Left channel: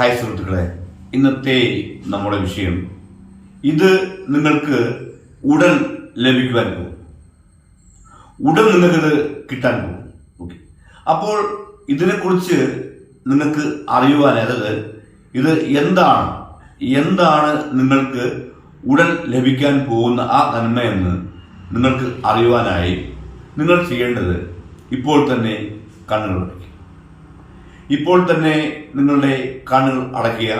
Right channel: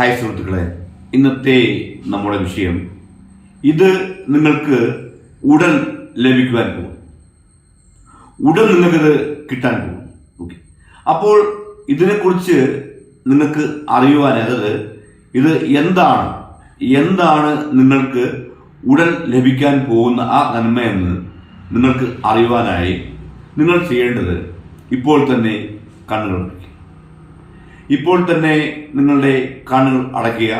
Hi സുഹൃത്തുക്കളെ. ഇന്നത്തെ നമ്മുടെ വിഷയം ഇത് നിങ്ങൾക്ക് ഉടൻ ലഭിക്കുവാൻ പോകും. ഉടൻ നിങ്ങൾക്കിത് കിട്ടാൻ പോകും. ഓക്കെ. അപ്പോൾ ഇതിനെക്കുറിച്ച് നിങ്ങൾക്ക് അറിയുവാൻ അതായത് ഇത് എന്താണ്? എന്താണ് നിങ്ങൾക്ക് ഉടൻ ലഭിക്കാൻ പോകുന്ന ആ നന്മയെന്ന് നിങ്ങൾക്ക് അറിയുവാനായി നിങ്ങൾ ചെയ്യേണ്ടത് ഇപ്പോൾ തന്നെ കണ്ണുകൾ ഇപ്പോൾ തന്നെ നിങ്ങളുടെ കണ്ണുകൾ അടയ്ക്കുക.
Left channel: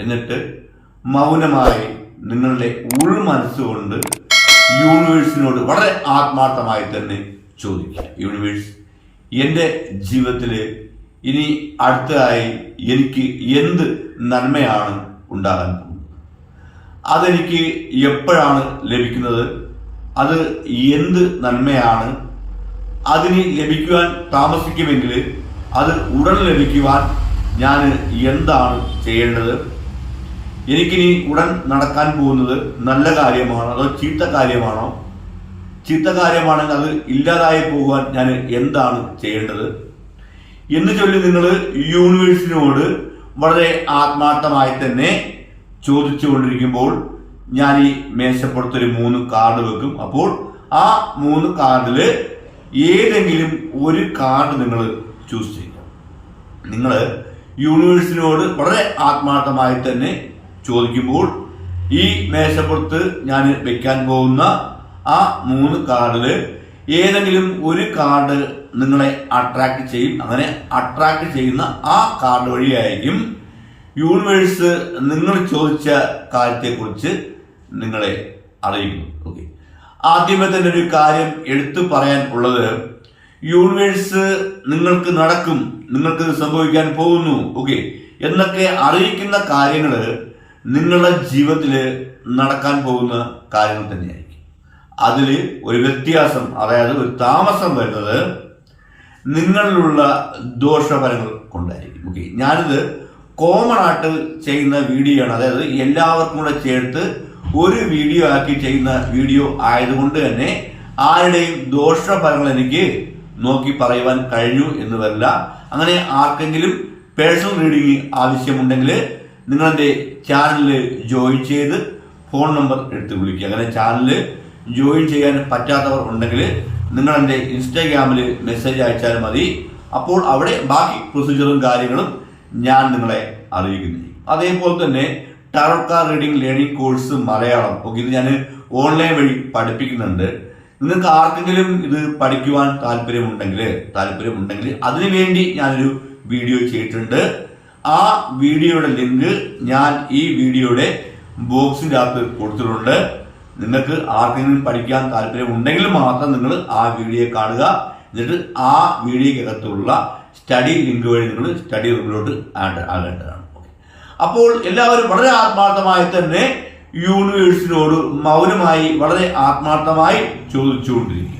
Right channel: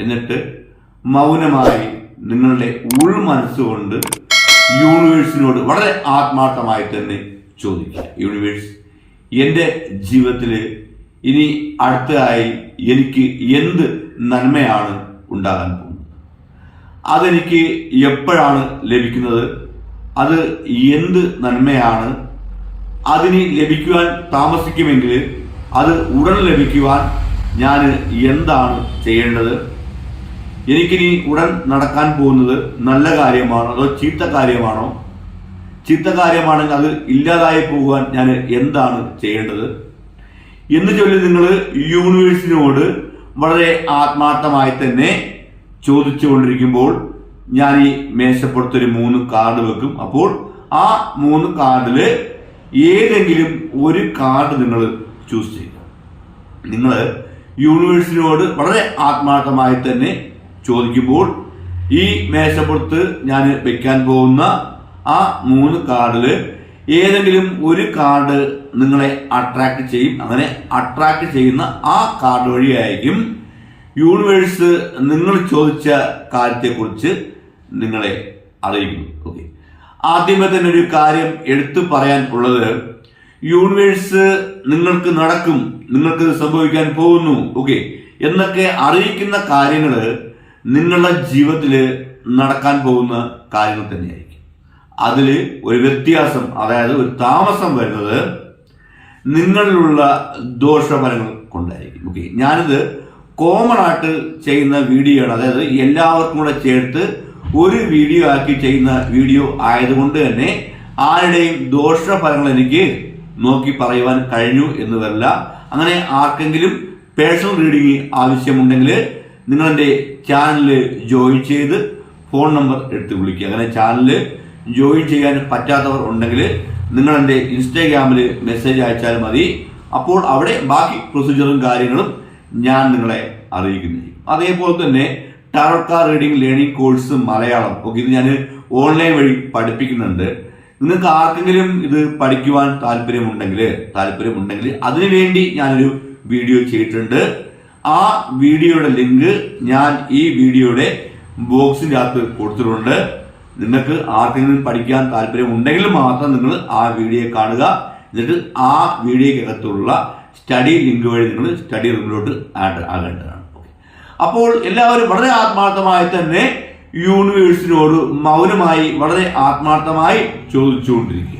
എന്നിട്ട് മൗനമായി നിങ്ങളുടെ ഉൾ മനസ്സുകൊണ്ട് യൂണിവേഴ്സിനോട് വളരെ ആത്മാർത്ഥമായി തന്നെ ചോദിക്കുക. യൂണിവേഴ്സ് എന്റെ ജീവിതത്തിൽ ഇനി അടുത്തതായി എനിക്ക് എന്ത് നന്മയാണ് ഉണ്ടാകാൻ പോകുന്നത്? അതെനിക്ക് എപ്പോഴാണ് ലഭിക്കുന്നത്? അത് എന്ത് നന്മയാണ്? അതിന് ലഭിക്കുവാൻ താമസിക്കുമെങ്കിൽ അത് ഉടൻ ലഭിക്കുവാൻ ഞാൻ എന്താണ് ചെയ്യേണ്ടത്? എനിക്കിനി ഉടൻ നടക്കാൻ പോകുന്നത് നല്ല കാര്യമാണോ? അതോ ചീത്ത കാര്യമാണോ? ചീത്ത കാര്യമാണെങ്കിൽ അത് ഇല്ലാതായി പോകുവാൻ ഞാൻ എന്താണ് ചെയ്യേണ്ടത്? എന്ന് ചൊല്ലി നിങ്ങൾ യൂണിവേഴ്സിനോട് വളരെ ആത്മാർത്ഥമായി തന്നെ ചോദിച്ചുകൊണ്ടിരിക്കുമ്പോൾ ഞാൻ ഈ മേശപ്പുറത്തൊരു മൂന്ന് കാർഡ് വെക്കും. അപ്പോൾ ആ മൂന്ന് കാർഡിൽ ഏതെങ്കിലും ഒരു കാർഡ് നിങ്ങൾ ചൂസ് ചെയ്യുക നിങ്ങൾ യൂണിവേഴ്സിനോട് വളരെ ആത്മാർത്ഥമായി തന്നെ ചോദിക്കുമ്പോൾ ഈ മേശപ്പുറത്ത് ഞാൻ വെക്കാൻ പോകുന്ന ആ മൂന്ന് കാർഡിൽ ഏതെങ്കിലും ഒരു കാർഡ് നിങ്ങളെ അട്രാക്ട് ചെയ്യും. അങ്ങനെ അട്രാക്ട് ചെയ്യുന്ന ആ കാർഡ് വഴിയായിരിക്കും യൂണിവേഴ്സ് നിങ്ങൾ ചോദിച്ച കാര്യത്തെക്കുറിച്ച് നിങ്ങളെ അറിയിക്കും ഓക്കെ ആദ്യമേ തന്നെ ഒരു കാര്യം എടുത്തു പറയാൻ ഉള്ളത് യൂണിവേഴ്സ് നിങ്ങൾക്ക് നടക്കും നിങ്ങൾക്ക് സംഭവിക്കാൻ പോകുന്നു ഓക്കെ എന്നൊക്കെ അറിയിക്കുന്ന കാര്യങ്ങൾ നിങ്ങളുടെ ജീവിതത്തിൽ നടക്കാൻ പോകുന്ന കാര്യങ്ങൾ തന്നെയായിരിക്കും. അതിൽ ഒരു വ്യത്യാസം അതായത് ഒരു താമസം വരുന്നത് നിങ്ങളിലുള്ള ദോഷഫലങ്ങൾ കൊണ്ടായിരിക്കും ഓക്കെ ഞാനിത് കോമൺ ആയിട്ട് ചെയ്യുന്ന വീഡിയോ ആണ്. അതായത് എല്ലാവർക്കും കൂടെ ചേർത്ത് ഒരു വീഡിയോ ആക്കി ചെയ്യുന്ന വീഡിയോ ആയതുകൊണ്ട് തന്നെ ആരുടെയും ദോഷഫലങ്ങൾ എനിക്ക് നോക്കി പറയുവാൻ കഴിഞ്ഞു എന്ന് വരില്ല അങ്ങനെ ആർക്കെങ്കിലും പേഴ്സണൽ റീഡിംഗ് ആവശ്യമുണ്ടെങ്കിൽ നിങ്ങളെന്റെ ചാനലിൽ ജോയിൻ ചെയ്ത് ഫോൺ നമ്പർ എടുത്ത് വിളിക്കുക. അങ്ങനെ ചാനൽ ജോയിൻ ചെയ്യാൻ പറ്റാത്തവർ ഉണ്ടെങ്കിൽ നിങ്ങളെന്റെ ഇൻസ്റ്റാഗ്രാമിൽ മെസ്സേജ് അയച്ചാൽ മതി. അപ്പോൾ അവിടെ ബാക്കി പ്രൊസീജിയറും കാര്യങ്ങളും ഞാൻ നിങ്ങളെ അറിയിക്കുന്നതായിരിക്കും അതേപോലെ തന്നെ tarot card reading learning course Malayalam okay ഇത് ഞാൻ ഓൺലൈൻ വഴി പഠിപ്പിക്കുന്നുണ്ട്. നിങ്ങൾക്ക് ആർക്കെങ്കിലും ഇത് പഠിക്കുവാൻ താല്പര്യമുണ്ടെങ്കിൽ താല്പര്യമുണ്ടെങ്കിൽ അതിനുവേണ്ടി ഞാനൊരു വീഡിയോ ചെയ്തിട്ടുണ്ട്. ആ വീഡിയോയുടെ ലിങ്ക് ഞാൻ ഈ വീഡിയോയുടെ ബോക്സിന്റെ അകത്ത് കൊടുത്തിട്ടുണ്ട്. നിങ്ങൾക്ക് ആർക്കെങ്കിലും പഠിക്കാൻ താല്പര്യമുണ്ടെങ്കിൽ മാത്രം നിങ്ങൾ ആ വീഡിയോ കാണുക. എന്നിട്ട് ആ വീഡിയോക്കകത്തുള്ള സ്റ്റഡി ലിങ്ക് വഴി നിങ്ങൾ സ്റ്റഡി റൂമിലോട്ട് ആഡ് ആകേണ്ടതാണ്. അപ്പോൾ എല്ലാവരും വളരെ ആത്മാർത്ഥമായി തന്നെ യൂണിവേഴ്സിനോട് മൗനമായി വളരെ ആത്മാർത്ഥമായി ചോദിച്ചുകൊണ്ടിരിക്കുക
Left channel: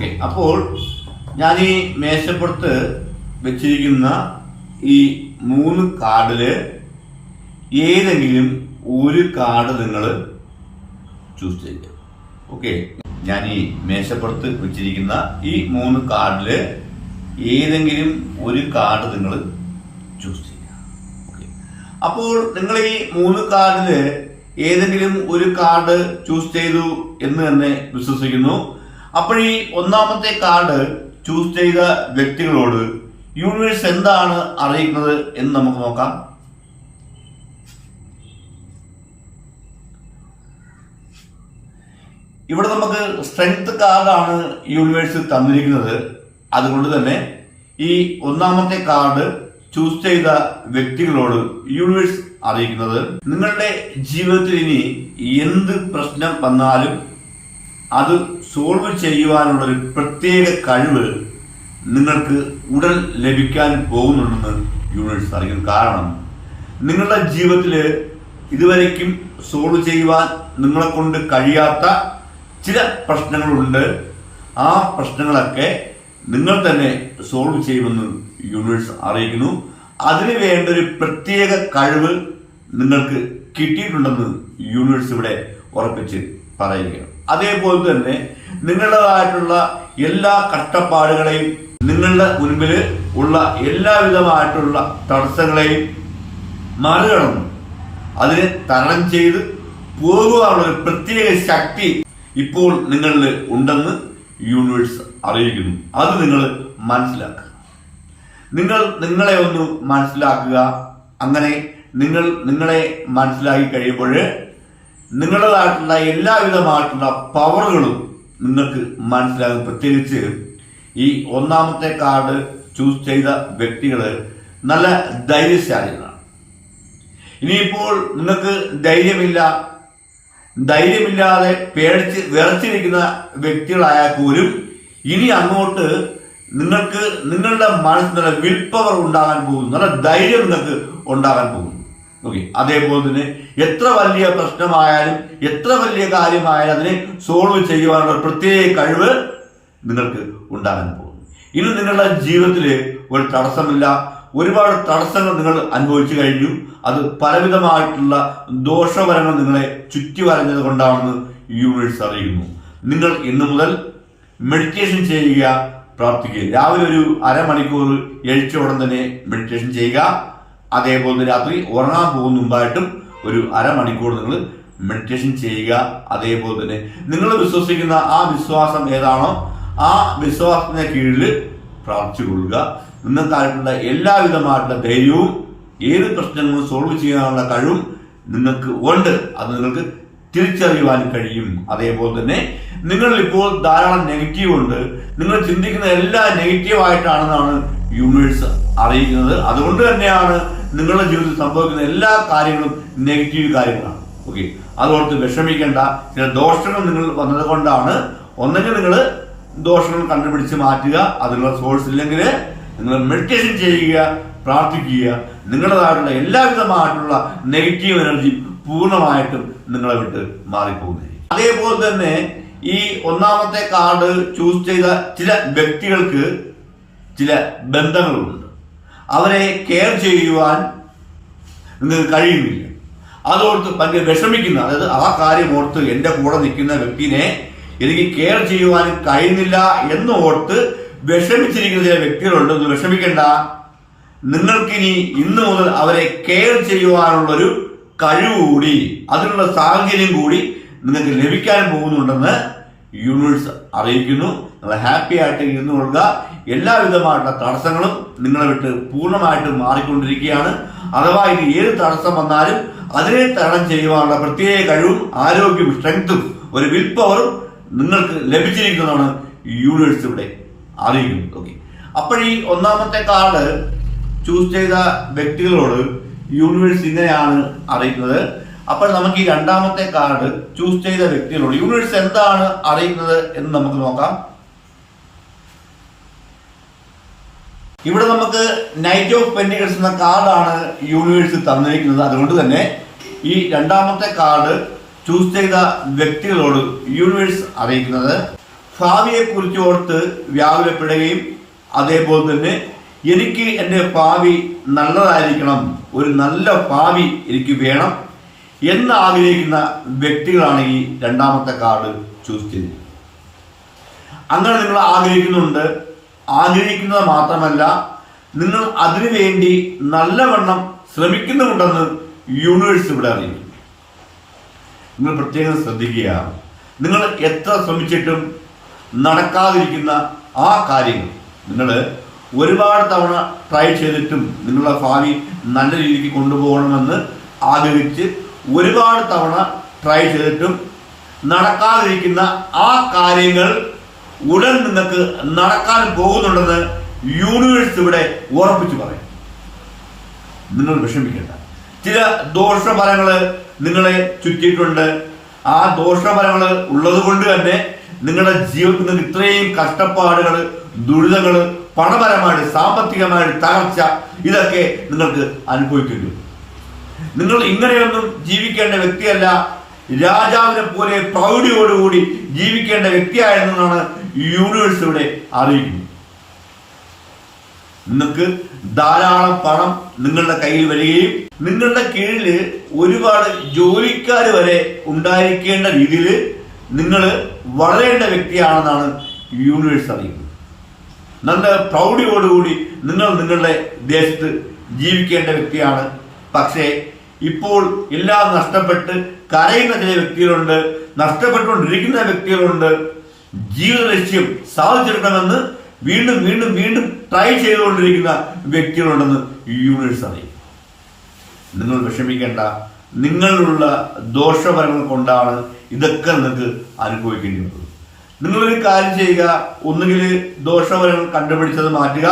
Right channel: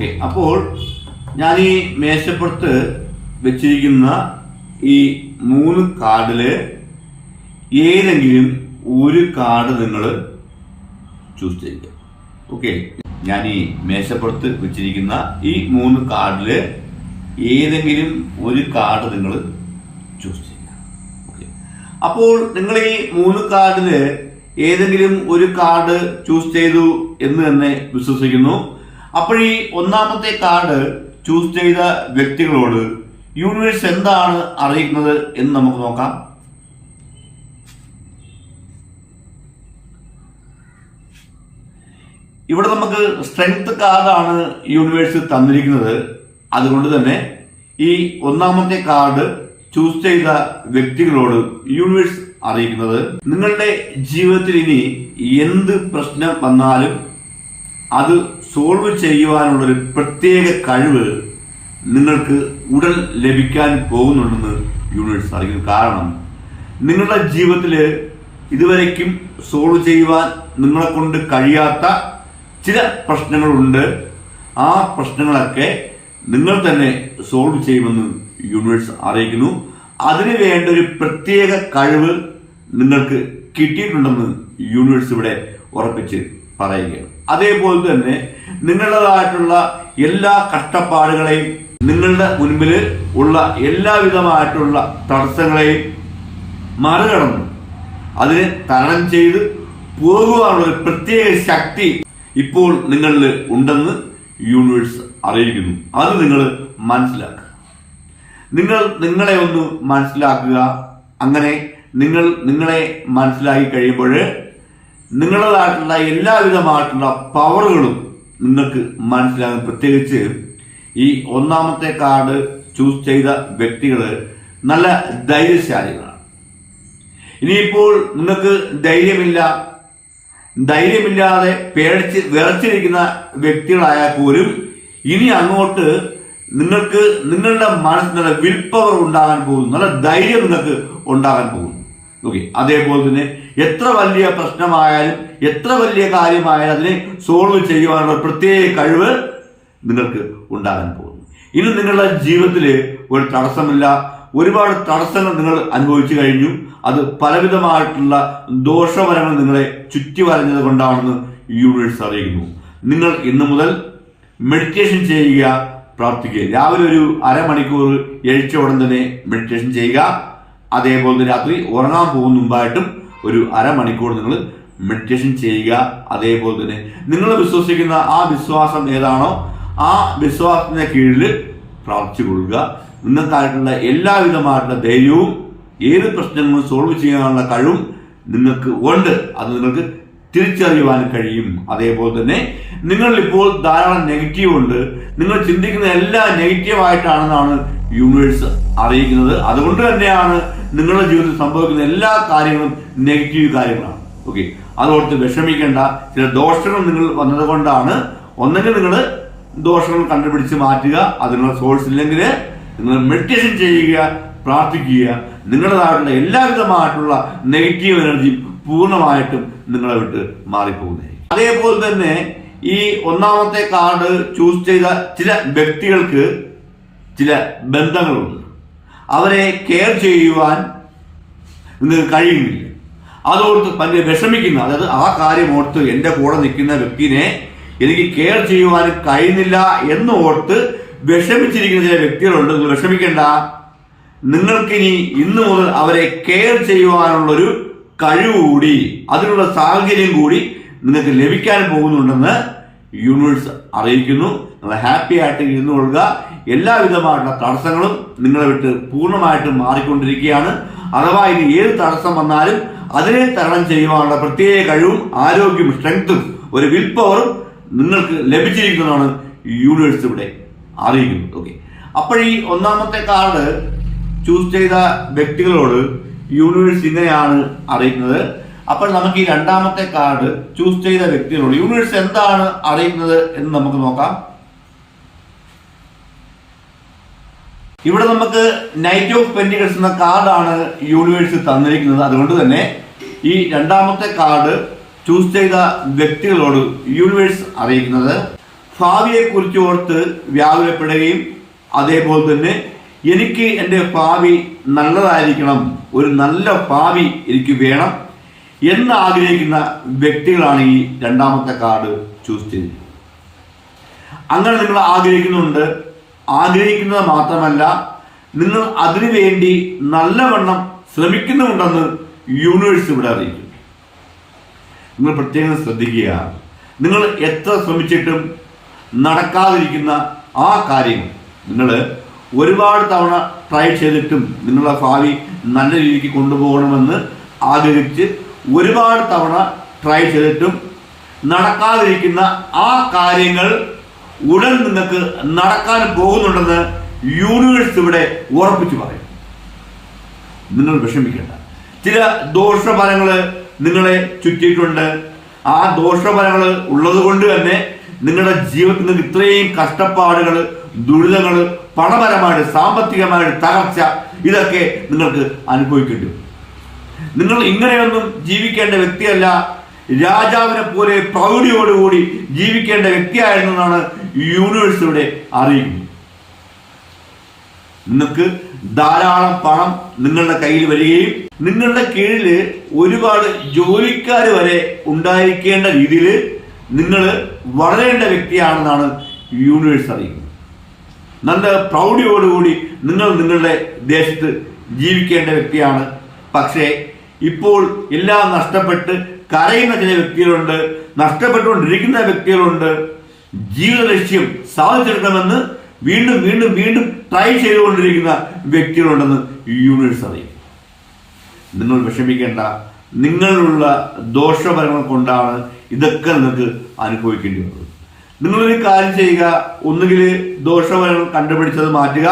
ഓക്കെ അപ്പോൾ ഞാൻ ഈ മേശപ്പുറത്ത് വെച്ചിരിക്കുന്ന ഈ മൂന്ന് കാർഡിൽ ഏതെങ്കിലും ഒരു കാർഡ് നിങ്ങൾ ചൂസ് ചെയ്യുക. ഓക്കെ ഞാൻ ഈ മേശപ്പുറത്ത് വെച്ചിരിക്കുന്ന ഈ മൂന്ന് കാർഡിൽ ഏതെങ്കിലും ഒരു കാർഡ് നിങ്ങൾ ചൂസ് ചെയ്യുക. ഓക്കെ അപ്പോൾ നിങ്ങൾ ഈ മൂന്ന് കാർഡിൽ ഏതെങ്കിലും ഒരു കാർഡ് ചൂസ് ചെയ്തു എന്ന് തന്നെ വിശ്വസിക്കുന്നു. അപ്പോൾ ഈ ഒന്നാമത്തെ കാർഡ് ചൂസ് ചെയ്ത വ്യക്തികളോട് യൂണിവേഴ്സ് എന്താണ് അറിയിക്കുന്നത് എന്ന് നമുക്ക് നോക്കാം. ഇവിടെ നമുക്ക് സ്ട്രെങ്ത് കാർഡാണ് യൂണിവേഴ്സ് തന്നിരിക്കുന്നത്. അതുകൊണ്ട് തന്നെ ഈ ഒന്നാമത്തെ കാർഡ് ചൂസ് ചെയ്ത വ്യക്തികളോട് യൂണിവേഴ്സ് അറിയിക്കുന്നത്. നിങ്ങളുടെ ജീവിതത്തിൽ ഇനി എന്ത് പ്രശ്നം വന്നാലും അത് സോൾവ് ചെയ്യുവാനുള്ളൊരു പ്രത്യേക കഴിവ് നിങ്ങൾക്ക് ഉടൻ ലഭിക്കാൻ പോകുന്നുണ്ടെന്ന് യൂണിവേഴ്സ് അറിയിക്കുന്നു കാരണം നിങ്ങളുടെ ജീവിതത്തിൽ ഇതുവരയ്ക്കും സോൾവ് ചെയ്യുവാൻ നിങ്ങളെ കൊണ്ട് കഴിയാത്ത ചില പ്രശ്നങ്ങളുണ്ട്. ആ പ്രശ്നങ്ങളൊക്കെ നിങ്ങൾ തന്നെ സോൾവ് ചെയ്യുമെന്ന് യൂണിവേഴ്സ് അറിയിക്കുന്നു. അതിനു വേണ്ട ഒരു പ്രത്യേക കഴിവ് നിങ്ങൾക്ക് കിട്ടിയിട്ടുണ്ടെന്ന് യൂണിവേഴ്സ് ഇവിടെ ഉറപ്പിച്ച് പറയുകയാണ്. അതേപോലെ തന്നെ നിങ്ങളുടേതായിട്ടുള്ള എല്ലാ കഷ്ടപ്പാടുകളെയും നിങ്ങളുടെ മുൻപിൽ ഉള്ള എല്ലാവിധമായിട്ടുള്ള തടസ്സങ്ങളെയും മറികടന്ന്. അതിനെ തരണം ചെയ്ത് പോകുവാനുള്ള ഒരു പ്രത്യേക ശക്തി ഇപ്പോൾ നിങ്ങളിൽ ഉണ്ടെന്ന് യൂണിവേഴ്സ് അറിയിക്കുന്നു. അത് നിങ്ങൾ മനസ്സിലാക്കുക. നിങ്ങൾ നിങ്ങളെ ഒന്ന് മനസ്സിലാക്കുക. അങ്ങനെ നിങ്ങൾ നിങ്ങളെ മനസ്സിലാക്കി കഴിയുമ്പോൾ നിങ്ങളുടേതായിട്ടുള്ള എല്ലാവിധമായിട്ടുള്ള പവറുകളും നിങ്ങൾക്ക് മനസ്സിലാകും. പ്രത്യേകിച്ച് ഈ ഒന്നാമത്തെ കാർഡ് ചൂസ് ചെയ്ത വ്യക്തികൾ നല്ല ധൈര്യശാലികളാണ്. ഇനിയിപ്പോൾ നിങ്ങൾക്ക് ധൈര്യമില്ല. ധൈര്യമില്ലാതെ പേടിച്ച് വിറച്ചിരിക്കുന്ന വ്യക്തികളായാൽ പോലും ഇനി അങ്ങോട്ട് നിങ്ങൾക്ക് നിങ്ങളുടെ മനസ്സിൽ നല്ല വിൽ പവർ ഉണ്ടാകാൻ പോകുന്നു. നല്ല ധൈര്യം നിങ്ങൾക്ക് ഉണ്ടാകാൻ പോകുന്നു. ഓക്കെ അതേപോലെ തന്നെ എത്ര വലിയ പ്രശ്നമായാലും എത്ര വലിയ കാര്യമായാലും അതിനെ സോൾവ് ചെയ്യുവാനുള്ള പ്രത്യേക കഴിവ് നിങ്ങൾക്ക് ഉണ്ടാകാൻ പോകുന്നു. ഇന്ന് നിങ്ങളുടെ ജീവിതത്തിൽ ഒരു തടസ്സമില്ല. ഒരുപാട് തടസ്സങ്ങൾ നിങ്ങൾ അനുഭവിച്ചു കഴിഞ്ഞു. അത് പലവിധമായിട്ടുള്ള ദോഷഫലങ്ങൾ നിങ്ങളെ ചുറ്റി വരഞ്ഞത് കൊണ്ടാണെന്ന് യൂണിവേഴ്സ് അറിയിക്കുന്നു. നിങ്ങൾ ഇന്നു മുതൽ മെഡിറ്റേഷൻ ചെയ്യുക പ്രാർത്ഥിക്കുക. രാവിലെ ഒരു അരമണിക്കൂർ എഴുച്ച ഉടൻ തന്നെ മെഡിറ്റേഷൻ ചെയ്യുക. അതേപോലെ തന്നെ രാത്രി ഉറങ്ങാൻ പോകുന്ന മുമ്പായിട്ടും ഒരു അരമണിക്കൂർ നിങ്ങൾ മെഡിറ്റേഷൻ ചെയ്യുക. അതേപോലെ തന്നെ നിങ്ങൾ വിശ്വസിക്കുന്ന ആ വിശ്വാസം ഏതാണോ ആ വിശ്വാസത്തിന്റെ കീഴിൽ പ്രാർത്ഥിച്ചു കൊള്ളുക നിങ്ങൾക്കായിട്ടുള്ള എല്ലാവിധമായിട്ടുള്ള ധൈര്യവും ഏത് പ്രശ്നങ്ങളും സോൾവ് ചെയ്യാനുള്ള കഴിവും നിങ്ങൾക്ക് ഉണ്ട്. അത് നിങ്ങൾക്ക് തിരിച്ചറിയുവാൻ കഴിയും. അതേപോലെ തന്നെ നിങ്ങൾ ഇപ്പോൾ ധാരാളം നെഗറ്റീവ് ഉണ്ട്. നിങ്ങൾ ചിന്തിക്കുന്ന എല്ലാ നെഗറ്റീവ് ആയിട്ടാണെന്നാണ് യൂണിവേഴ്സ് അറിയിക്കുന്നത്. അതുകൊണ്ട് തന്നെയാണ് നിങ്ങളുടെ ജീവിതത്തിൽ സംഭവിക്കുന്ന എല്ലാ കാര്യങ്ങളും നെഗറ്റീവ് കാര്യങ്ങളാണ്. ഓക്കെ അതോർത്ത് വിഷമിക്കേണ്ട. ചില ദോഷങ്ങൾ നിങ്ങൾ വന്നത് കൊണ്ടാണ് ഒന്നെങ്കിൽ നിങ്ങൾ ദോഷങ്ങൾ കണ്ടുപിടിച്ച് മാറ്റുക. അതിനുള്ള സോഴ്സ് ഇല്ലെങ്കിൽ നിങ്ങൾ മെഡിറ്റേഷൻ ചെയ്യുക പ്രാർത്ഥിക്കുക. നിങ്ങളുടേതായിട്ടുള്ള എല്ലാവിധമായിട്ടുള്ള നെഗറ്റീവ് എനർജി പൂർണമായിട്ടും നിങ്ങളെ വിട്ട് മാറിപ്പോകുന്നതായിരിക്കും. അതേപോലെ തന്നെ ഈ ഒന്നാമത്തെ കാർഡ് ചൂസ് ചെയ്ത ചില വ്യക്തികൾക്ക് ചില ബന്ധങ്ങളുണ്ട്. അവരെ കെയർ ചെയ്യുവാൻ കഴിയുന്നില്ല. അതോർത്ത് ഭയങ്കര വിഷമിക്കുന്ന അതായത് ആ കാര്യം ഓർത്ത് എന്റെ കൂടെ നിൽക്കുന്ന വ്യക്തിനെ എനിക്ക് കെയർ ചെയ്യുവാൻ കഴിയുന്നില്ല എന്ന് ഓർത്ത് വിഷമിച്ചിരിക്കുന്ന ചില വ്യക്തികളുണ്ട്. നിങ്ങൾ വിഷമിക്കേണ്ട. നിങ്ങൾക്കിനി ഇന്ന് മുതൽ അവരെ കെയർ ചെയ്യുവാനുള്ളൊരു കഴിവ് കൂടി അതിനുള്ള സാഹചര്യം കൂടി നിങ്ങൾക്ക് ലഭിക്കാൻ പോകുന്നുണ്ടെന്ന് യൂണിവേഴ്സ് അറിയിക്കുന്നു. നിങ്ങൾ ഹാപ്പി ആയിട്ട് ഇരുന്നു കൊള്ളുക. എല്ലാവിധമായിട്ടുള്ള തടസ്സങ്ങളും നിങ്ങളെ വിട്ട് പൂർണമായിട്ടും മാറിക്കൊണ്ടിരിക്കുകയാണ്. അഥവാ ഇനി ഏത് തടസ്സം വന്നാലും അതിനെ തരണം ചെയ്യുവാനുള്ള പ്രത്യേക കഴിവും ആരോഗ്യവും സ്ട്രെങ്തും ഒരു വിൽ പവറും നിങ്ങൾക്ക് ലഭിച്ചിരിക്കുന്നതാണ് യൂണിവേഴ്സ് ഇവിടെ അറിയിക്കുന്നത്. ഓക്കെ അപ്പോൾ ഈ ഒന്നാമത്തെ കാർഡ് ചൂസ് ചെയ്ത വ്യക്തികളോട് യൂണിവേഴ്സ് ഇങ്ങനെയാണ് അറിയിക്കുന്നത്. അപ്പോൾ നമുക്ക് ഈ രണ്ടാമത്തെ കാർഡ് ചൂസ് ചെയ്ത വ്യക്തികളോട് യൂണിവേഴ്സ് എന്താണ് അറിയുന്നത് എന്ന് നമുക്ക് നോക്കാം. ഇവിടെ നമുക്ക് നൈറ്റ് ഓഫ് പെന്റിക്കൽസ് എന്ന കാർഡാണ് യൂണിവേഴ്സ് തന്നിരിക്കുന്നത്. അതുകൊണ്ട് തന്നെ ഈ രണ്ടാമത്തെ കാർഡ് ചൂസ് ചെയ്ത വ്യക്തികളോട് യൂണിവേഴ്സ് അറിയിക്കുന്നത്. ഭാവിയെ കുറിച്ച് ഓർത്ത് വ്യാകുലപ്പെടുകയും അതേപോലെ തന്നെ എനിക്ക് എന്റെ ഭാവി നല്ലതായിരിക്കണം. ഒരു നല്ല ഭാവി എനിക്ക് വേണം. എന്ന് ആഗ്രഹിക്കുന്ന വ്യക്തികളാണ് ഈ രണ്ടാമത്തെ കാർഡ് ചൂസ് ചെയ്തത് അങ്ങനെ നിങ്ങൾ ആഗ്രഹിക്കുന്നുണ്ട്. ആഗ്രഹിക്കുന്നത് മാത്രമല്ല നിങ്ങൾ അതിനു വേണ്ടി നല്ലവണ്ണം ശ്രമിക്കുന്നുണ്ടെന്ന് യൂണിവേഴ്സ് ഇവിടെ അറിയിക്കും നിങ്ങൾ പ്രത്യേകം ശ്രദ്ധിക്കുക. നിങ്ങൾ എത്ര ശ്രമിച്ചിട്ടും നടക്കാതിരിക്കുന്ന ആ കാര്യങ്ങൾ നിങ്ങൾ ഒരുപാട് തവണ ട്രൈ ചെയ്തിട്ടും നിങ്ങളുടെ ഭാവി നല്ല രീതിക്ക് കൊണ്ടുപോകണമെന്ന് ആഗ്രഹിച്ച് ഒരുപാട് തവണ ട്രൈ ചെയ്തിട്ടും നടക്കാതിരിക്കുന്ന ആ കാര്യങ്ങൾ ഉടൻ നിങ്ങൾക്ക് നടക്കാൻ പോകുന്നുണ്ടെന്ന് യൂണിവേഴ്സ് ഇവിടെ ഉറപ്പിച്ചു പറയും. നിങ്ങൾ വിഷമിക്കേണ്ട. ചില ദോഷഫലങ്ങൾ നിങ്ങളെ ചുറ്റിയിട്ടുണ്ട്. ആ ദോഷഫലങ്ങൾ ഉള്ളത് കൊണ്ട് തന്നെ നിങ്ങളുടെ ജീവിതത്തിൽ നിങ്ങൾക്ക് ഇത്രയും കഷ്ടപ്പാടുകൾ ദുരിതങ്ങൾ പണപരമായിട്ട് സാമ്പത്തികമായിട്ട് തകർച്ച ഇതൊക്കെ നിങ്ങൾക്ക് അനുഭവിക്കേണ്ടി വരും. നിങ്ങൾ ഇങ്ങനെയൊന്നും ജീവിക്കേണ്ട വ്യക്തിയല്ല. രാജാവിനെ പോലെ പ്രൗഢിയോടുകൂടി ജീവിക്കേണ്ട വ്യക്തിയായിരുന്നെന്നാണ് യൂണിവേഴ്സ് ഇവിടെ അറിയിക്കുന്നത് നിങ്ങൾക്ക് ധാരാളം പണം നിങ്ങളുടെ കയ്യിൽ വരികയും നിങ്ങളുടെ കീഴിൽ ഒരുപാട് ജോലിക്കാർ വരെ ഉണ്ടായിരിക്കേണ്ട രീതിയിൽ നിങ്ങൾ വളരേണ്ട വ്യക്തിയാണെന്നാണ് യൂണിവേഴ്സ് അറിയുന്നത്. നല്ല പ്രൗഢിയോടുകൂടി നിങ്ങൾ നിങ്ങളുടെ ദേശത്ത് ജീവിക്കേണ്ട വ്യക്തിയാണ് പക്ഷേ ഇപ്പോൾ എല്ലാം നഷ്ടപ്പെട്ട് കരയുന്ന ചില വ്യക്തികളുണ്ട് നഷ്ടപ്പെട്ടുകൊണ്ടിരിക്കുന്ന വ്യക്തികളുണ്ട്. ജീവിത ലക്ഷ്യം സാധിച്ചെടുക്കണമെന്ന് വീണ്ടും വീണ്ടും വീണ്ടും ട്രൈ ചെയ്തുകൊണ്ടിരിക്കുന്ന വ്യക്തികളുണ്ടെന്ന് യൂണിവേഴ്സ് അറിയും നിങ്ങൾ വിഷമിക്കേണ്ട നിങ്ങളിലുള്ള ദോഷഫലങ്ങൾ കൊണ്ടാണ് ഇതൊക്കെ നിങ്ങൾക്ക് അനുഭവിക്കേണ്ടി വന്നത്. നിങ്ങളൊരു കാര്യം ചെയ്യുക ഒന്നുകിൽ ദോഷഫലങ്ങൾ കണ്ടുപിടിച്ചത് മാറ്റുക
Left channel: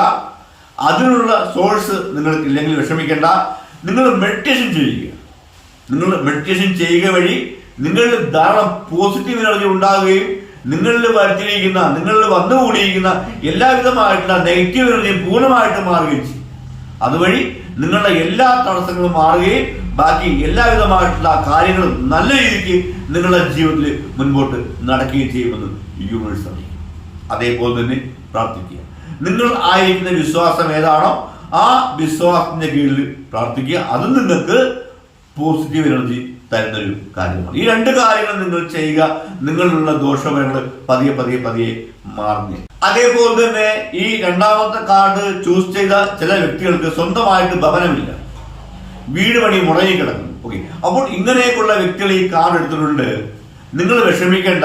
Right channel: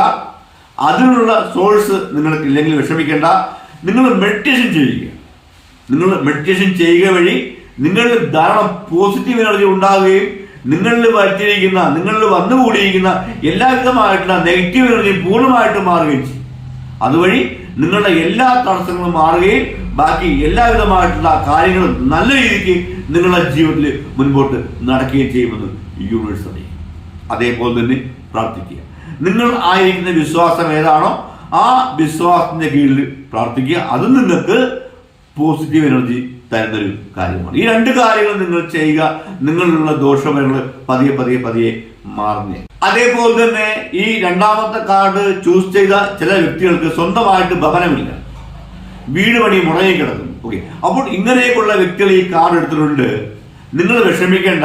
അതിനുള്ള സോഴ്സ് നിങ്ങൾക്ക് ഇല്ലെങ്കിൽ വിഷമിക്കേണ്ട നിങ്ങൾ മെഡിറ്റേഷൻ ചെയ്യുക. നിങ്ങൾ മെഡിറ്റേഷൻ ചെയ്യുക വഴി നിങ്ങളിൽ ധാരാളം പോസിറ്റീവ് എനർജി ഉണ്ടാകുകയും നിങ്ങളിൽ വരുത്തിയിരിക്കുന്ന നിങ്ങളിൽ വന്നുകൂടിയിരിക്കുന്ന എല്ലാവിധമായിട്ടുള്ള നെഗറ്റീവ് എനർജി പൂർണമായിട്ട് മാറുകയും ചെയ്യും. അതുവഴി നിങ്ങളുടെ എല്ലാ തടസ്സങ്ങളും മാറുകയും ബാക്കി എല്ലാവിധമായിട്ടുള്ള കാര്യങ്ങളും നല്ല രീതിക്ക് നിങ്ങളുടെ ജീവിതത്തിൽ മുൻപോട്ട് നടക്കുകയും ചെയ്യുമെന്ന് യൂണിവേഴ്സ് അറിയിക്കും അതേപോലെ തന്നെ പ്രാർത്ഥിക്കുക. നിങ്ങൾ ആയിരിക്കുന്ന വിശ്വാസം ഏതാണോ ആ വിശ്വാസത്തിന്റെ കീഴിൽ പ്രാർത്ഥിക്കുക. അത് നിങ്ങൾക്ക് പോസിറ്റീവ് എനർജി തരുന്നൊരു കാര്യമാണ്. ഈ രണ്ട് കാര്യങ്ങൾ നിങ്ങൾ ചെയ്യുക. നിങ്ങളിലുള്ള ദോഷഫലങ്ങൾ പതിയെ പതിയെ പതിയെ മാറുന്നേ. അതേപോലെ തന്നെ ഈ രണ്ടാമത്തെ കാർഡ് ചൂസ് ചെയ്ത ചില വ്യക്തികൾക്ക് സ്വന്തമായിട്ട് ഭവനമില്ല. വീട് പണി മുടങ്ങി കിടക്കുന്നു. ഓക്കെ അപ്പോൾ ഇങ്ങനെയൊക്കെയുള്ള വ്യക്തികൾ ഈ കാർഡ് എടുത്തിട്ടുണ്ട്. നിങ്ങൾ വിഷമിക്കേണ്ട.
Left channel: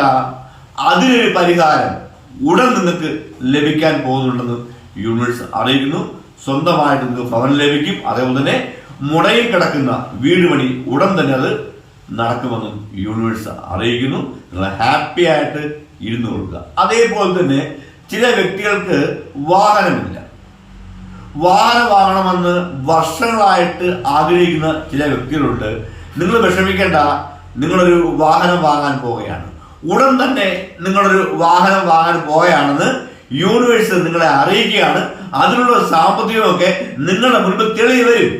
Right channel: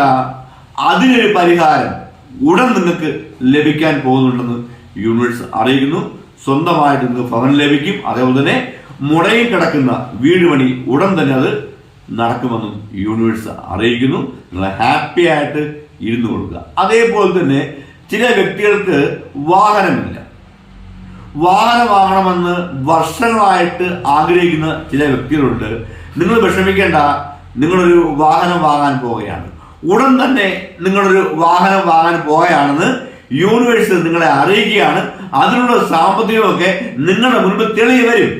അതിനൊരു പരിഹാരം ഉടൻ നിങ്ങൾക്ക് ലഭിക്കാൻ പോകുന്നുണ്ടെന്ന് യൂണിവേഴ്സ് അറിയിക്കുന്നു. സ്വന്തമായിട്ട് നിങ്ങൾക്ക് ഭവനം ലഭിക്കും. അതേപോലെ തന്നെ മുടയിൽ കിടക്കുന്ന വീട് പണി ഉടൻ തന്നെ അത് നടക്കുമെന്നും യൂണിവേഴ്സ് അറിയിക്കുന്നു. നിങ്ങൾ ഹാപ്പി ആയിട്ട് ഇരുന്നു കൊടുക്കുക. അതേപോലെ തന്നെ ചില വ്യക്തികൾക്ക് വാഹനമില്ല. വാഹനം വാങ്ങണമെന്ന് വർഷങ്ങളായിട്ട് ആഗ്രഹിക്കുന്ന ചില വ്യക്തികളുണ്ട്. നിങ്ങൾ വിഷമിക്കേണ്ട. നിങ്ങളൊരു വാഹനം വാങ്ങാൻ പോവുകയാണ്. ഉടൻ തന്നെ നിങ്ങളൊരു വാഹനം വാങ്ങാൻ പോവുകയാണെന്ന് യൂണിവേഴ്സ് നിങ്ങളെ അറിയിക്കുകയാണ്. അതിനുള്ള സാമ്പത്തികമൊക്കെ നിങ്ങളുടെ മുൻപ് തെളിയി വരും.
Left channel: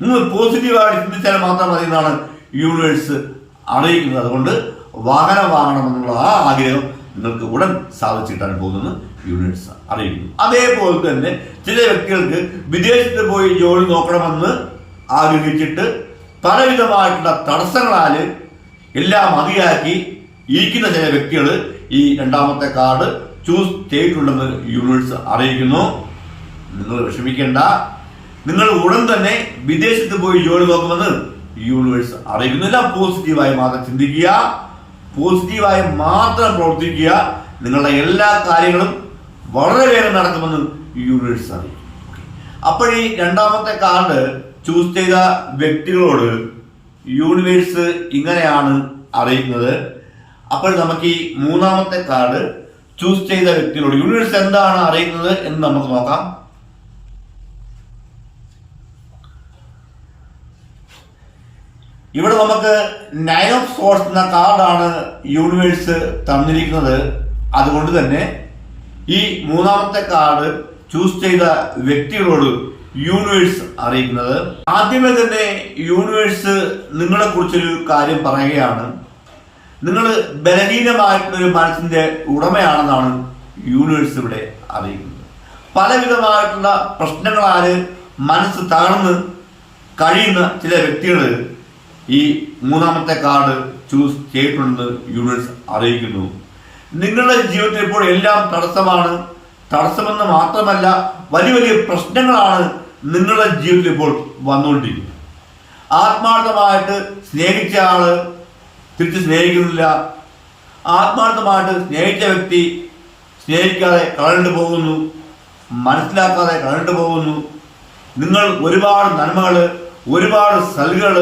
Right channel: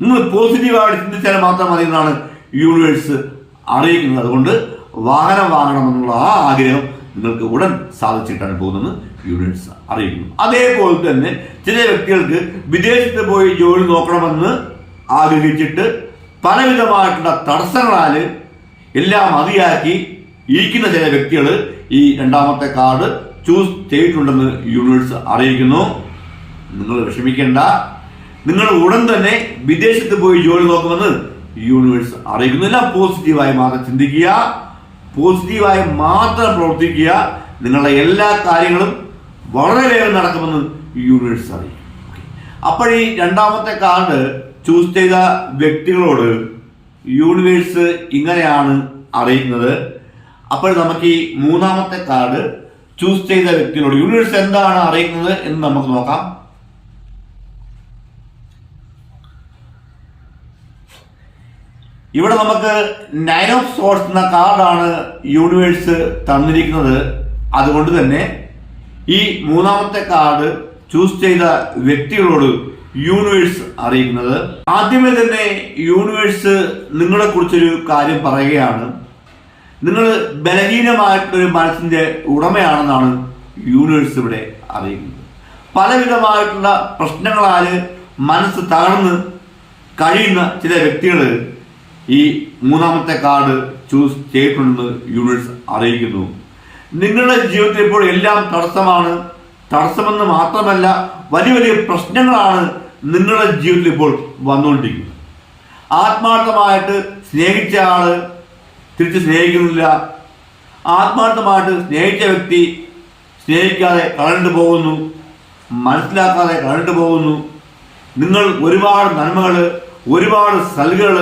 നിങ്ങൾ പോസിറ്റീവായിട്ട് ചിന്തിച്ചാൽ മാത്രം മതി എന്നാണ് യൂണിവേഴ്സ് അറിയിക്കുന്നത്. അതുകൊണ്ട് വാഹനം വാങ്ങണമെന്നുള്ള ആ ആഗ്രഹം നിങ്ങൾക്ക് ഉടൻ സാധിച്ചിട്ടാണ് പോകുന്നത് യൂണിവേഴ്സ് അറിയിക്കുന്നു. അതേപോലെ തന്നെ ചില വ്യക്തികൾക്ക് വിദേശത്ത് പോയി ജോലി നോക്കണമെന്ന് ആഗ്രഹിച്ചിട്ട് പലവിധമായിട്ടുള്ള തടസ്സങ്ങളാൽ എല്ലാം മതിയാക്കി ഇരിക്കുന്ന ചില വ്യക്തികൾ ഈ രണ്ടാമത്തെ കാർഡ് ചൂസ് ചെയ്തിട്ടുണ്ടെന്ന് യൂണിവേഴ്സ് അറിയിക്കുന്നു. നിങ്ങൾ വിഷമിക്കേണ്ട. നിങ്ങൾ ഉടൻ തന്നെ വിദേശത്ത് പോയി ജോലി നോക്കുമെന്ന് യൂണിവേഴ്സ് അറിയിക്കുന്നു എല്ലാം പോസിറ്റീവായി മാത്രം ചിന്തിക്കുക. പോസിറ്റീവായി മാത്രം പ്രവർത്തിക്കുക. നിങ്ങളുടെ എല്ലാ കാര്യങ്ങളും വളരെ വേഗം നടക്കുമെന്ന് യൂണിവേഴ്സ് അറിയിക്കും. അപ്പോൾ ഈ രണ്ടാമത്തെ കാർഡ് ചൂസ് ചെയ്ത വ്യക്തികളോട് യൂണിവേഴ്സ് ഇങ്ങനെയാണ് അറിയുന്നത് അപ്പോൾ നമുക്ക് ഈ മൂന്നാമത്തെ കാർഡ് ചൂസ് ചെയ്ത വ്യക്തികളോട് യൂണിവേഴ്സ് എന്താണ് അറിയുന്നത് എന്ന് നമുക്ക് നോക്കാം. ഇവിടെ നമുക്ക് നയൻ ഓഫ് സോഴ്സ് എന്ന കാർഡാണ് യൂണിവേഴ്സ് തന്നിരിക്കുന്നത്. അതുകൊണ്ട് തന്നെ ഈ മൂന്നാമത്തെ കാർഡ് ചൂസ് ചെയ്ത വ്യക്തികളോട് യൂണിവേഴ്സ് അറിയിക്കുന്നത്. ആദ്യമേ തന്നെ യൂണിവേഴ്സ് നിങ്ങളെ കുറിച്ചൊരു കാര്യം പറയുകയാണ്. നിങ്ങൾ ബലഹീനമായിട്ടുള്ളൊരു മനസ്സിന്റെ ഉടമയാണെന്നാണ് യൂണിവേഴ്സ് ഇവിടെ അറിയിക്കുന്നത്. പലവിധമായിട്ടുള്ള പ്രശ്നങ്ങളാൽ മനസ്സ് തകർന്ന് കഴിയുന്ന ചില വ്യക്തികൾ ഈ മൂന്നാമത്തെ കാർഡ് ചൂസ് ചെയ്തിട്ടുണ്ടെന്ന് യൂണിവേഴ്സ് അറിയിക്കുന്നു. നിങ്ങളുടെ ജീവിതത്തിൽ ഇപ്പോൾ എല്ലാം തടസ്സമാണ്. തടസ്സമെന്ന് മാത്രമല്ല വലിയ വലിയ പ്രശ്നങ്ങളാണ് നിങ്ങളുടെ ജീവിതത്തിൽ ഇപ്പോൾ വന്നുകൊണ്ടിരിക്കുന്നത്. ആത്മാർത്ഥമായിട്ട് സ്നേഹിച്ച ആൾ തിരിച്ച് സ്നേഹിക്കുന്നില്ല. ആത്മാർത്ഥമായിട്ട് സ്നേഹിച്ച വ്യക്തി സ്നേഹിക്കാതെ കളണ്ടു പോകുന്നു. മനസ്സിലാക്കാതെ കളണ്ടു പോകുന്നു. നിങ്ങൾ ഒരുപാട് നന്മകൾ ഒരുപാട് സൽകൾ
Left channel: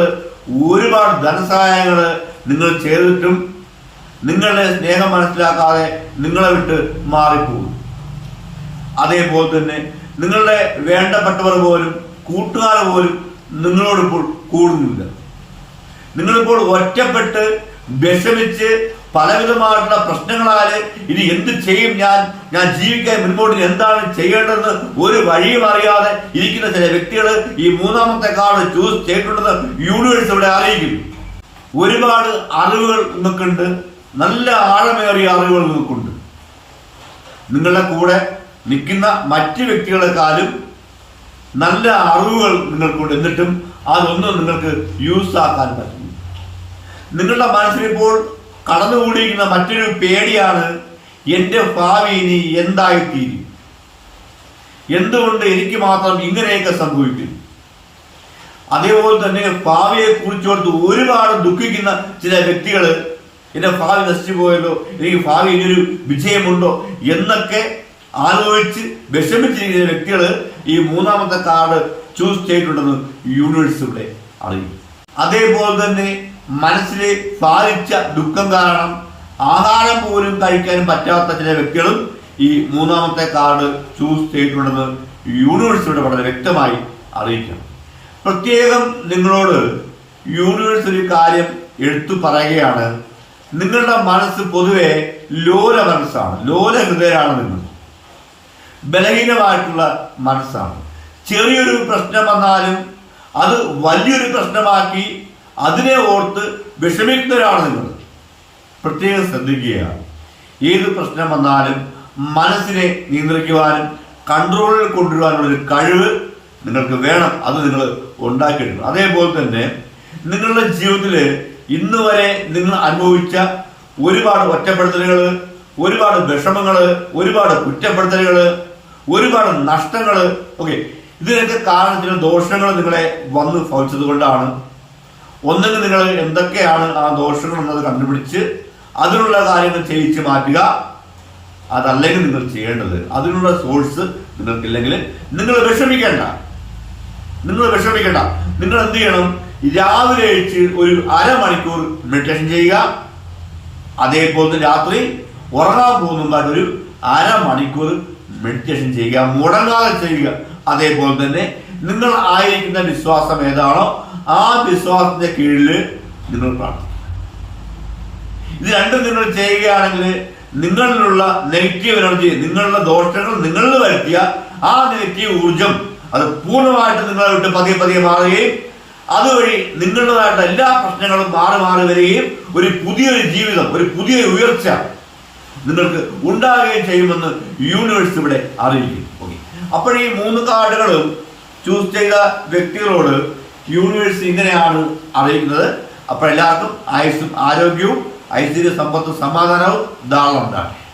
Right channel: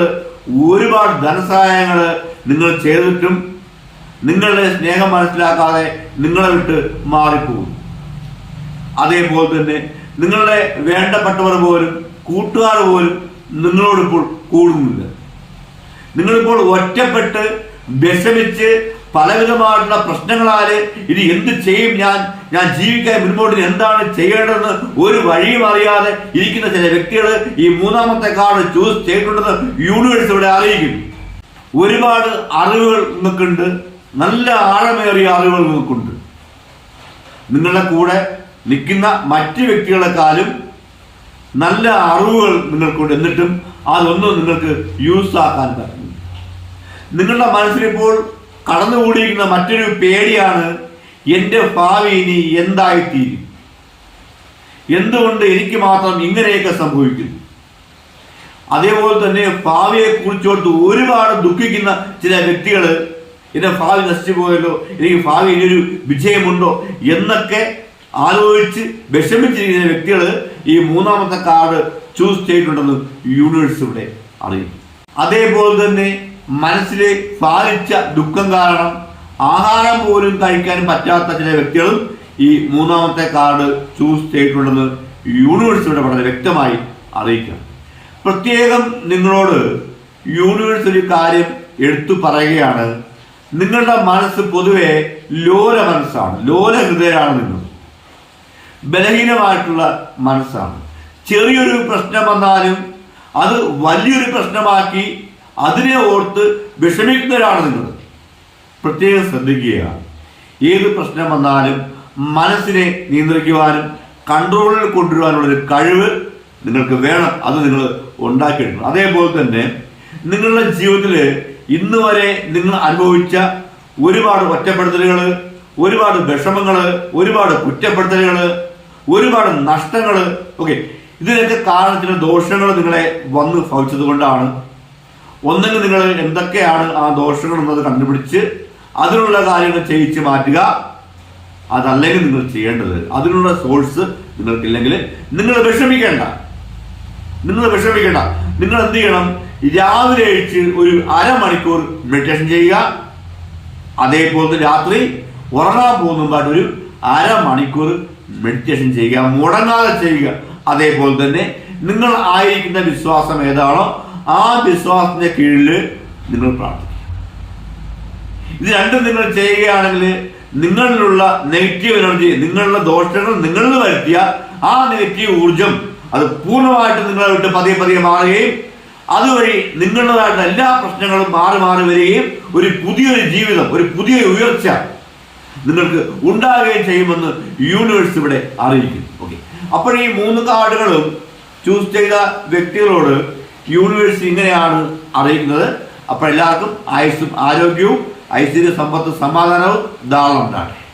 ഒരുപാട് ധനസഹായങ്ങൾ നിങ്ങൾ ചെയ്തിട്ടും നിങ്ങളുടെ സ്നേഹം മനസ്സിലാക്കാതെ നിങ്ങളെ വിട്ട് മാറിപ്പോകുന്നു. അതേപോലെ തന്നെ നിങ്ങളുടെ വേണ്ടപ്പെട്ടവർ പോലും കൂട്ടുകാർ പോലും നിങ്ങളോടിപ്പോൾ കൂടുന്നില്ല. നിങ്ങളിപ്പോൾ ഒറ്റപ്പെട്ട് വിഷമിച്ച് പലവിധമായിട്ടുള്ള പ്രശ്നങ്ങളാൽ ഇനി എന്ത് ചെയ്യും ഞാൻ? ഞാൻ ജീവിക്കാൻ മുൻപോട്ട് എന്താണ് ചെയ്യേണ്ടതെന്ന് ഒരു വഴിയും അറിയാതെ ഇരിക്കുന്ന ചില വ്യക്തികൾ ഈ മൂന്നാമത്തെ കാർഡ് ചൂസ് ചെയ്തിട്ടുണ്ടെന്ന് യൂണിവേഴ്സ് ഇവിടെ അറിയിക്കുന്നു. ഒരുപാട് അറിവുകൾ നിങ്ങൾക്കുണ്ട്. നല്ല ആഴമേറിയ അറിവുകൾ നിങ്ങൾക്കുണ്ട്. നിങ്ങളുടെ കൂടെ നിൽക്കുന്ന മറ്റു വ്യക്തികളെക്കാളും നല്ല അറിവുകൾ നിങ്ങൾക്കുണ്ട്. എന്നിട്ടും അതൊന്നും നിങ്ങൾക്ക് യൂസ് ആക്കാൻ പറ്റുന്നു നിങ്ങളുടെ മനസ്സിലിപ്പോൾ കടന്നുകൂടിയിരിക്കുന്ന മറ്റൊരു പേടിയാണ് എന്റെ ഭാവി ഇനി എന്തായിത്തീരും? എന്തുകൊണ്ട് എനിക്ക് മാത്രം ഇങ്ങനെയൊക്കെ സംഭവിക്കുന്നു അതേപോലെ തന്നെ ഭാവിയെ കുറിച്ചോർത്ത് ഒരുപാട് ദുഃഖിക്കുന്ന ചില വ്യക്തികൾ എന്റെ ഭാവി നശിച്ചു പോയല്ലോ എനിക്ക് ഭാവി ഇനിയൊരു വിജയമുണ്ടോ? എന്നൊക്കെ ആലോചിച്ച് വിഷമിച്ചിരിക്കുന്ന വ്യക്തികൾ ഈ മൂന്നാമത്തെ കാർഡ് ചൂസ് ചെയ്തിട്ടുണ്ടെന്ന് യൂണിവേഴ്സ് ഇവിടെ അറിയും അതേപോലെ തന്നെ മനസ്സിലെ ബാധിച്ച ദുഃഖം കാരണം ആഹാരം പോലും കഴിക്കാൻ പറ്റാത്ത ചില വ്യക്തികളും ഈ മൂന്നാമത്തെ കാർഡ് ചൂസ് ചെയ്തിട്ടുണ്ടെന്ന് യൂണിവേഴ്സ് ഇവിടെ വളരെ വ്യക്തമായി അറിയിക്കാം. പ്രത്യേകം നിങ്ങളോട് യൂണിവേഴ്സിറ്റി ഒരു കാര്യം എടുത്തു പറയുകയാണ്. നിങ്ങളുടെ മനസ്സ് പൊതുവെ ലോല മനസ്സാണ്. ലോല ഹൃദയമാണ് നിങ്ങൾ. ബലഹീനമായിട്ടുള്ള മനസ്സാണ്. ചെറിയൊരു പ്രശ്നം വന്നാലും അത് വലിയൊരു പ്രശ്നമാക്കി അതിനെ ഓർത്ത് വിഷമിക്കുന്നവരാണ് നിങ്ങൾ. പ്രത്യേകം ശ്രദ്ധിക്കുക. ഏത് പ്രശ്നം വന്നാലും മനസ്സിനെ നിയന്ത്രിക്കുവാനും കൺട്രോളിൽ കൊണ്ടുവരുവാനുള്ള ഒരു കഴിവ് നിങ്ങൾക്ക് വേണം. അത് നിങ്ങൾ ഉണ്ടാക്കിയെടുക്കണം. അതേപോലെ തന്നെ നിങ്ങളുടെ ജീവിതത്തിൽ ഇന്ന് വരെ നിങ്ങൾ അനുഭവിച്ച ഒരുപാട് ഒറ്റപ്പെടുത്തലുകൾ ഒരുപാട് വിഷമങ്ങൾ ഒരുപാട് കുറ്റപ്പെടുത്തലുകൾ ഒരുപാട് നഷ്ടങ്ങൾ ഓക്കെ ഇതിനൊക്കെ കാരണത്തിന് ദോഷങ്ങൾ നിങ്ങളെ വന്ന് ഭവിച്ചത് കൊണ്ടാണ് ഒന്നിന് നിങ്ങൾ എന്തൊക്കെയാണ് ആ ദോഷങ്ങൾ എന്നത് കണ്ടുപിടിച്ച് അതിനുള്ള കാര്യങ്ങൾ ചെയ്യിച്ച് മാറ്റുക. അതല്ലെങ്കിൽ നിങ്ങൾ ചെയ്യേണ്ടത്. അതിനുള്ള സോഴ്സ് നിങ്ങൾക്കില്ലെങ്കിൽ നിങ്ങൾ വിഷമിക്കേണ്ട. നിങ്ങൾ വിഷമിക്കേണ്ട. നിങ്ങൾ എന്ത് ചെയ്യണം? രാവിലെ അഴിച്ച് ഒരു അരമണിക്കൂർ മെഡിറ്റേഷൻ ചെയ്യുക. അതേപോലെ രാത്രി ഉറങ്ങാൻ പോകുന്നതായിട്ട് ഒരു അരമണിക്കൂർ മെഡിറ്റേഷൻ ചെയ്യുക. മുടങ്ങാതെ ചെയ്യുക. അതേപോലെ തന്നെ നിങ്ങൾ ആയിരിക്കുന്ന വിശ്വാസം ഏതാണോ ആ വിശ്വാസത്തിന്റെ കീഴിൽ നിങ്ങൾ പ്രാർത്ഥിക്കുക. ഇത് രണ്ടും നിങ്ങൾ ചെയ്യുകയാണെങ്കിൽ നിങ്ങളിലുള്ള നെഗറ്റീവ് എനർജി നിങ്ങളുടെ ദോഷങ്ങൾ നിങ്ങളിൽ വരുത്തിയ ആ നെഗറ്റീവ് ഊർജം അത് പൂർണമായിട്ട് നിങ്ങളെ വിട്ട് പതിയെ പതിയെ മാറുകയും അതുവഴി നിങ്ങളുടേതായിട്ട് എല്ലാ പ്രശ്നങ്ങളും മാറി മാറി വരികയും ഒരു പുതിയൊരു ജീവിതം ഒരു പുതിയ ഉയർച്ച നിങ്ങൾക്ക് ഉണ്ടാകുകയും ചെയ്യുമെന്ന് യൂണിവേഴ്സ് ഇവിടെ അറിയിക്കും ഓക്കെ അപ്പോൾ ഈ മൂന്ന് കാർഡുകളും ചൂസ് ചെയ്ത വ്യക്തികളോട് യൂണിവേഴ്സ് ഇങ്ങനെയാണ് അറിയുന്നത്. അപ്പോൾ എല്ലാവർക്കും ആയുസ്സും ആരോഗ്യവും ഐശ്വര്യ സമ്പത്തും സമാധാനവും ധാരാളം ഉണ്ടാകട്ടെ